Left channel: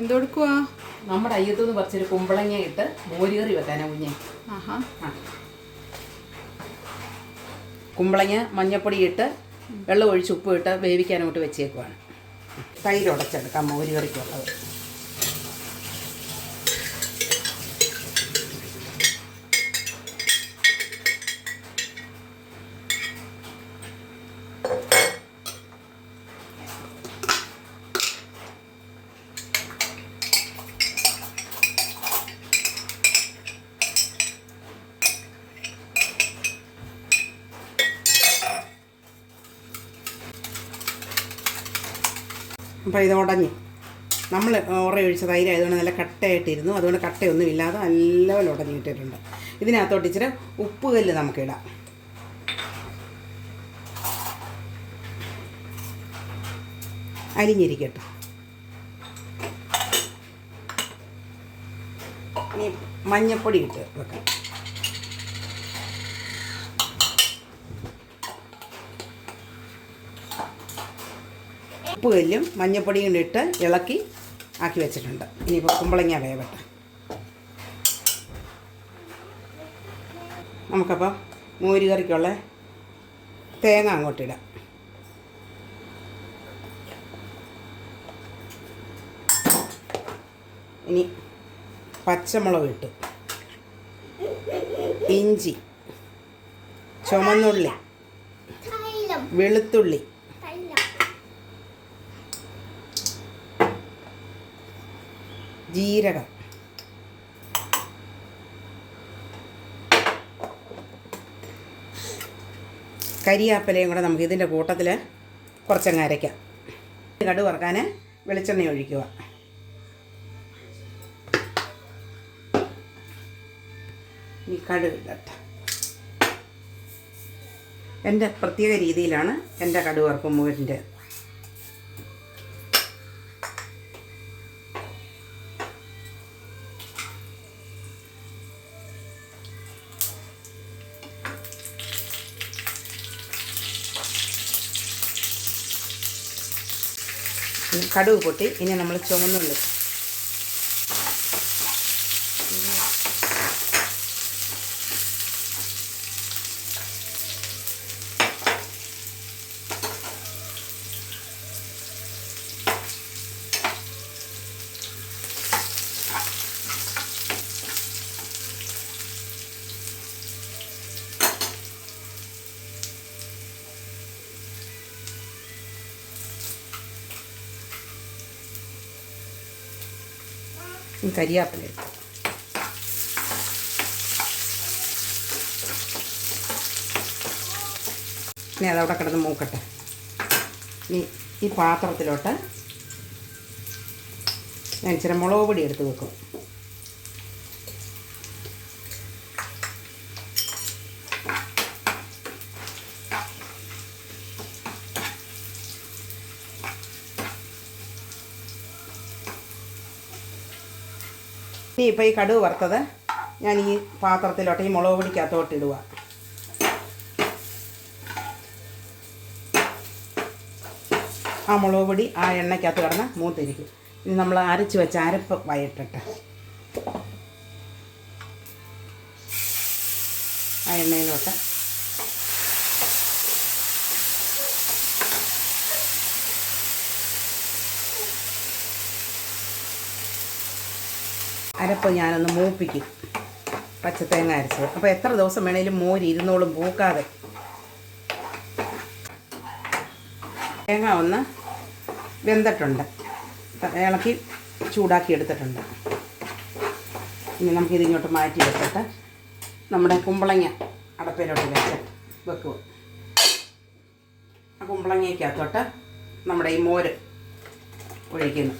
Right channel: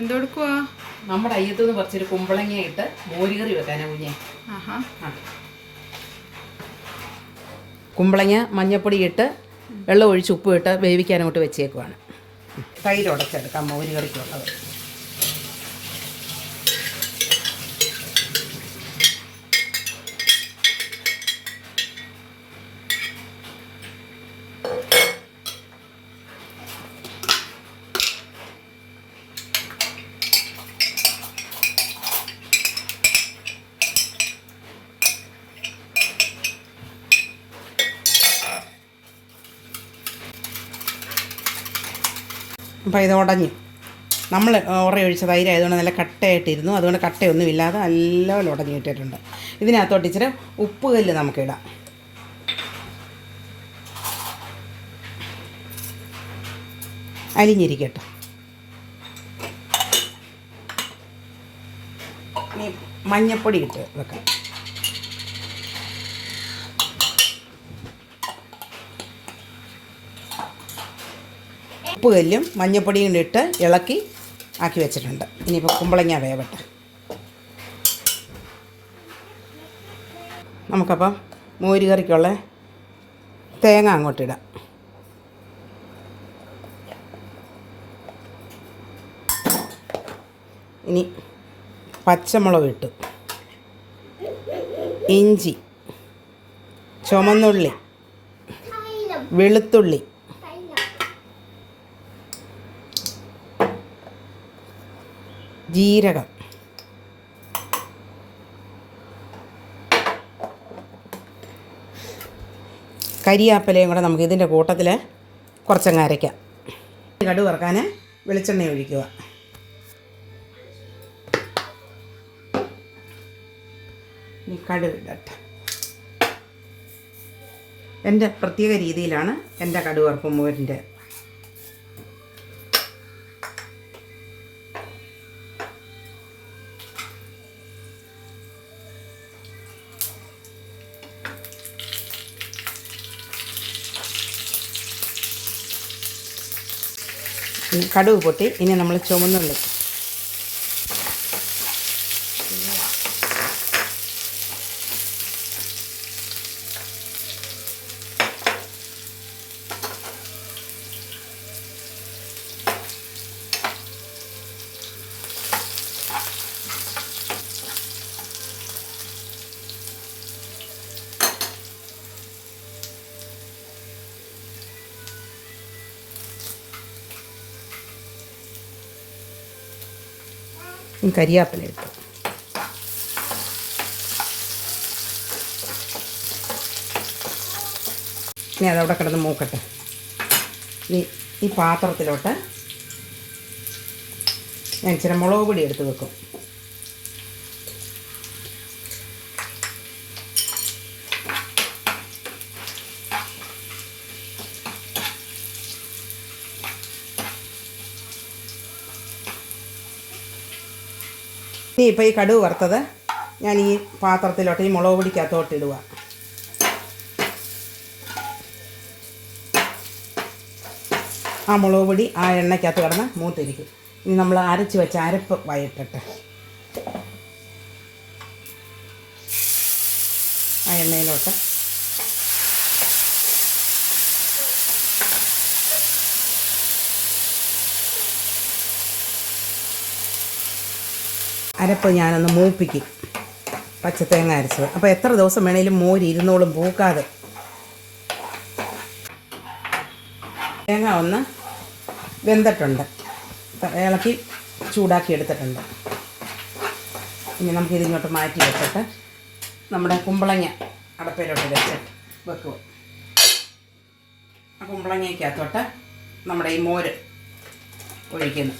എന്തെടുക്കുവാ? നമ്മുടെ അയ്യത്തുനിന്ന് പറിച്ചൊരു കുമ്പളങ്ങ ഇട്ട് മോരുകറി വെക്കാനാ കുഞ്ഞെ. ആഹാ. കുമ്പളങ്ങ മഞ്ഞപ്പൊടി ഇട്ട് വെള്ളം ഒഴിച്ച് ഉപ്പ് ഇട്ട് വേവിക്കാൻ അങ്ങോട്ട് വെച്ചേക്കുവാണ്. തൈര് ഉടച്ചെടുക്കാം മോരുകറിക്കുള്ളത്. അപ്പോൾ ഇത് ഉടഞ്ഞു. നമ്മൾ ഒഴിച്ച തൈരായതുകൊണ്ട് നല്ല കട്ടയായിട്ടിരുന്നു. അതുകൊണ്ട് കട്ടയൊന്നും ഇല്ലാതെ നല്ലപോലെ ഉടഞ്ഞു കിട്ടിയിട്ടുണ്ട്. ഇതിനകത്തോട്ട് ഇച്ചിരി ഉപ്പ് കല്ല് നമുക്കിടാം. അലിഞ്ഞിരിക്കട്ടെ. ഇനി മഞ്ഞപ്പൊടി ഇട്ട് വെക്കാം. ഉപ്പ് കല്ലും മഞ്ഞപ്പൊടിയും ഇട്ട് ഇളക്കി ആക്കി വെച്ചിട്ടുണ്ട്. ഇനിയിപ്പോൾ കുമ്പളങ്ങ വേവട്ടെ. നമുക്കപ്പം മോരുകറിക്കുള്ള തേങ്ങ അങ്ങോട്ടിടാം. ഇനി പച്ചമുളക് ഇട്ട്, ഇഞ്ചി, ചുമന്നുള്ളി, വെളുത്തുള്ളി, ജീരകം, കരിയാപ്പലയും കൂടെ നമുക്ക് ഇതിൻ്റെ കൂട്ടത്തിൽ കുറച്ചങ്ങ് അരയ്ക്കാം. കടുക് വറുക്കാൻ വെളിച്ചെണ്ണ ഒഴിക്കുക. ഇനി കടുക് ഇടട്ടെ. എൻ്റെ പ്രത്യേക രീതിയിലാണ് എൻ്റെ കടുക് വറുപ്പ് മോരിൻ്റെ. കടുക് പൊട്ടി. ഇനി നമ്മൾ ചുമന്നുള്ളി, കരിയാപ്പില ഇട്ടു. ഇനി അതവിടെ കിടന്ന് മൂക്കട്ടെ. ഇനി ഈ പാത്രത്തിലോട്ട് ഞാൻ ഇച്ചിരി മുളക് പൊടി എടുത്ത് വെക്കും. ഇനി ഇപ്പോൾ ഈ കടുക് വറുത്തത് ഞാൻ ഈ പാത്രത്തിലോട്ട് ഈ മുളക് പൊടിക്കകത്തോട്ട് ഇടുക. ആ മുളക് പൊടി ആ എണ്ണയ്ക്കകത്ത് കിടന്ന് മൂത്തിരിക്കും. ഇനി നമ്മൾ അരച്ച് വെച്ച അരപ്പ് വയറ്റട്ടെ. ആ എണ്ണയിലോട്ട് അരപ്പ് ഞാനൊന്ന് മൂപ്പിക്കും. പച്ചത്തേങ്ങ അരച്ചത്. അപ്പോൾ എത്ര ദിവസം വേണേലും മോര് ഇരുന്നോളും പൂക്കാതെ. തേങ്ങ ഒന്ന് വെന്തിട്ടുണ്ട്. ഇളക്കി ചൂടാക്കി എടുത്തിട്ടുണ്ട്. ഇനി നമുക്കിതിങ്ങോട്ട് മാറ്റി വെച്ചിട്ട് നമ്മുടെ കുമ്പളങ്ങ അടപ്പിലോട്ട് വെക്കുക. ആ കുമ്പളങ്ങയ്ക്കകത്തോട്ട് നമ്മുടെ ഈ മോര് ഒഴിക്കുന്നു.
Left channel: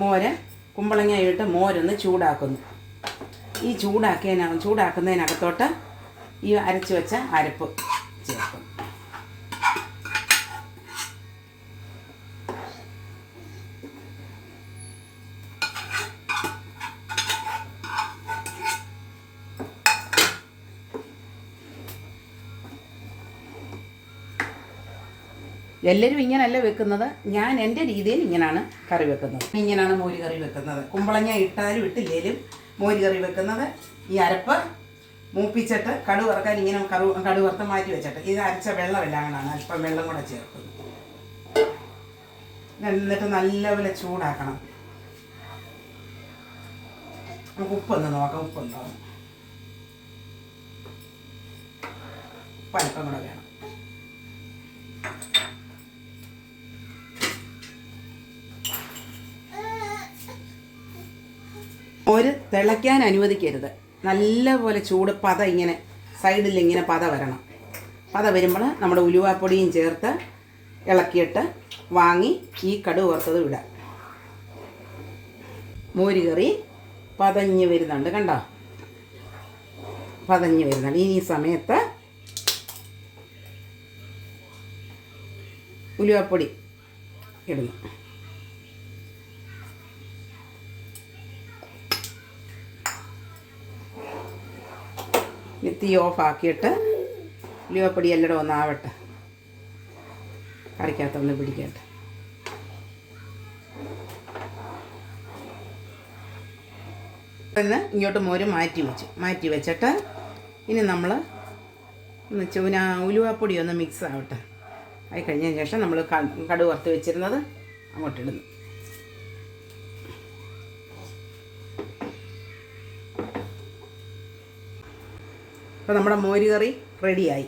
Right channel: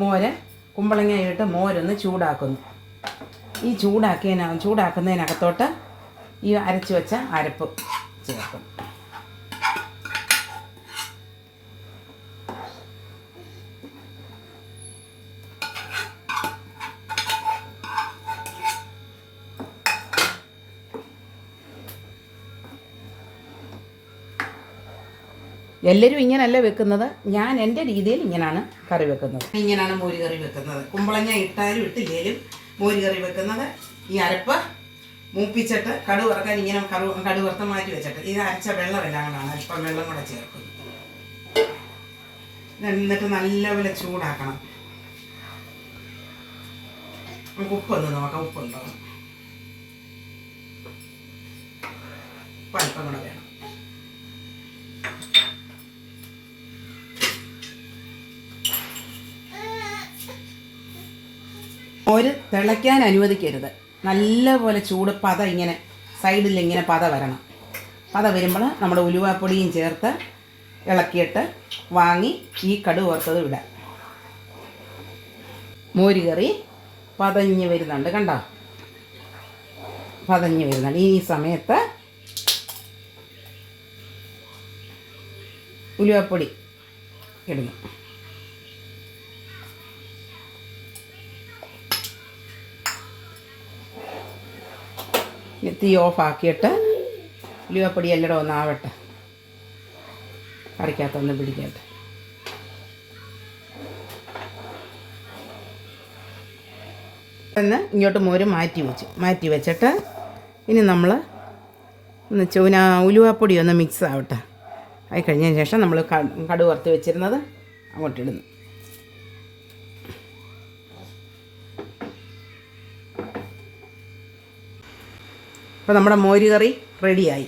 മോര് കുമ്പളങ്ങയിട്ട് മോരൊന്ന് ചൂടാക്കുന്നു. ഈ ചൂടാക്കുന്നതിനകത്തോട്ട് ഈ അരച്ച് വെച്ച അരപ്പ് ചേർക്കും. എല്ലാവരും ഇങ്ങനെയല്ല വെക്കുന്നത്, ഞാൻ എൻ്റെ രീതിയിൽ ഇങ്ങനെയാണ് കറി വെക്കുന്നത്. ഇങ്ങനെയാണ് മോര് കറി വെക്കുന്നത്. കുമ്പളങ്ങ ഇട്ടാലും ഇട്ടില്ലേലും മോര് കറി വെക്കുന്നത്. ഈ അരപ്പ് മൂപ്പിച്ചിട്ട് കടുക് വറക്കാൻ ഇങ്ങനെ കടുക് വറുത്ത് മാറ്റി വെച്ചിട്ട് ഇത് അരച്ച വെള്ളമെല്ലാം കൂടാണ് അല്പം വെള്ളം കൂടെ ചേർക്കുന്നത്. എന്നിട്ട് നല്ലപോലെ ചൂടാക്കണം. നമുക്ക് ഉപ്പൊന്ന് നോക്കാം, ഉപ്പുണ്ടോ? ഉപ്പ് അല്പം കൂടെ വേണം. മോര് തിളയ്ക്കാൻ അനുവദിക്കരുത്. നല്ലപോലെ ചൂട് പത ഇങ്ങനെ സൈഡിൽ ഇങ്ങനെ പത വരണം. പത വരുമ്പോൾ നമ്മുടെ ഉലുവാപ്പൊടിയും ചേർത്ത് ഇളക്കിയിട്ട് വാങ്ങി ഈ കടുക് വറുത്തത് ഇടാം. മോര് കറി പതഞ്ഞ് വരുന്നുണ്ട്, കണ്ടോ? പതഞ്ഞ് വരുന്നുണ്ട്. ഈ സമയത്ത് ഉലുവാപ്പൊടി ഇടുന്നു. തീ ഓഫാക്കിയിട്ട് ഉലുവാപ്പൊടി എല്ലാം ഒന്ന് ആവട്ടെ, കറിക്കകത്തൊന്ന് പിടിക്കട്ടെ. ഇങ്ങോട്ട് മോര് മാറ്റി വെച്ചിട്ട് ഇനി നമ്മൾ ഒന്ന് ഉലുവാപ്പൊടി ഒന്ന് മിക്സ് ആവട്ടെ. ആയി കഴിഞ്ഞതിന് ശേഷം നമ്മൾ കടുക് വറുത്ത് വെച്ചിരുന്നത് അങ്ങോട്ടിടുന്നു. അപ്പോൾ നമ്മുടെ മോര് കറി റെഡിയായി.